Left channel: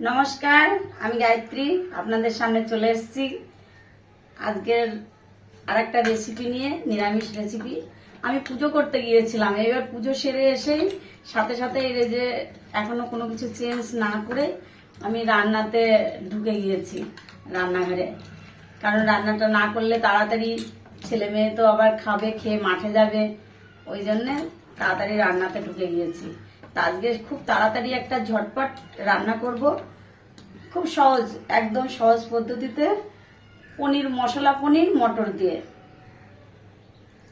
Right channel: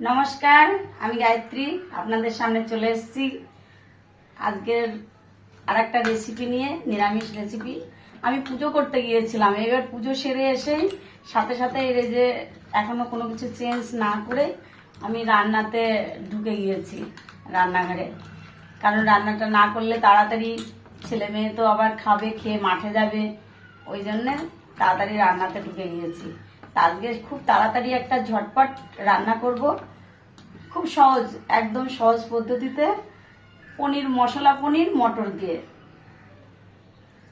নমস্কার, আমি গায়ত্রী আপনাদের সামনে চলে এসেছি আজকের আরেকটা রেসিপি নিয়ে, নিরামিষ রেসিপি। আমি পুজো করতে গিয়েছিলাম, এবার পুজো সেরে এসেই সাথে সাথে এই যে এখনো কোনো কিছু চেঞ্জ না করে আমি রান্নাতে ঢুকে গিয়েছি, রান্নাঘরে। কারণ রান্নাটা না করলে তাড়াতাড়ি ছেলে মেয়ে তো আবার খাবে, খেয়ে মাঠে যাবে, ওই জন্যে তাড়াতাড়ি রান্নাতে ঢুকে গিয়েছি। তা আজকে খুব তাড়াতাড়ি একটা ঝটপট রান্না করব, খুব সহজ, একদম সহজ পদ্ধতিতে। পনির, মশলা পনির মটর দিয়ে।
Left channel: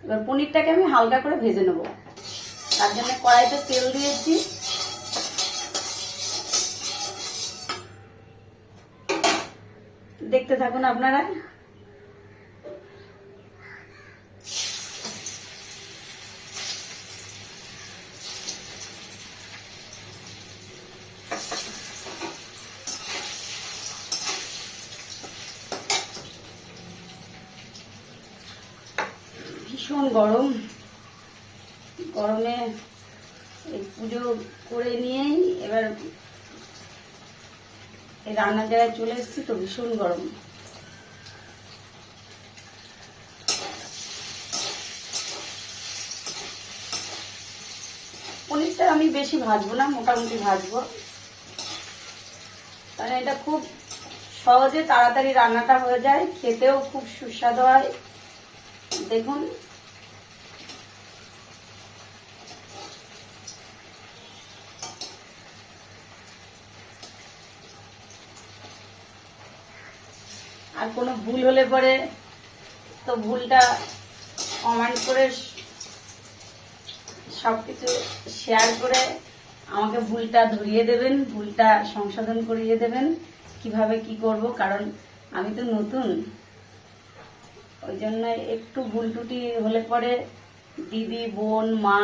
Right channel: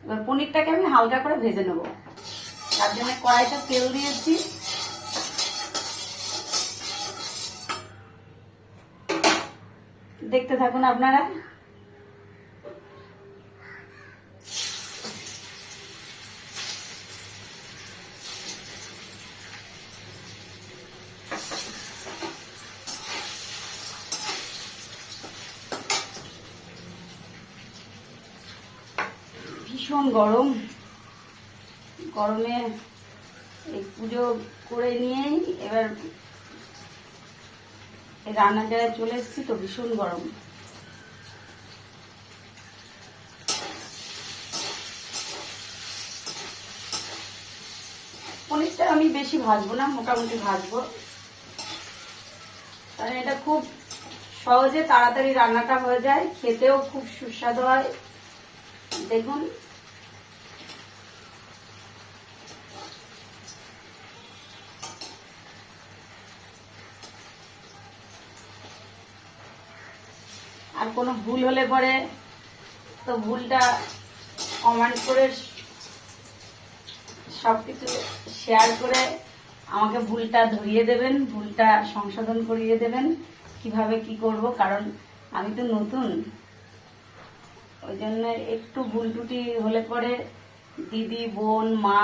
এবার পনিরটাকে আমি হালকা করে ভেজে নেব। তার জন্য কড়াইতে তেল দিয়েছি। দেখতে থাকুন আপনারা। ভীষণ গরম, গরমে এই পুজো করে নিয়েই এবার এই রান্নার জায়গায় চলে এসেছি, তো ভীষণ গরম। পনিরটা আমি বেশি ভাজবো না, মোটামুটি ভাজবো, কারণ এটা খুব সহজে তাড়াতাড়ি রান্নাটা হয়ে যায়, খেতেও খুব সুস্বাদু হয়। দেখুন, আর কোনো ভুল হলে পরে তো ভুলটা কমেন্ট করে সবকিছু শেয়ার করে আমাকে ভুলটা ধরিয়ে দেবেন, ভুলটা সংশোধন করিয়ে দেবেন কিভাবে কি করব। কারণ আমি তো নতুন, ওই জন্য একটু ভুল ত্রুটি হলে পরে দিদি, বোন, মা,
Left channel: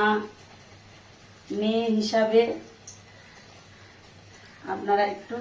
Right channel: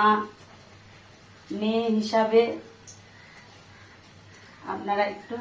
মেয়ে হিসাবে আপনারা একটু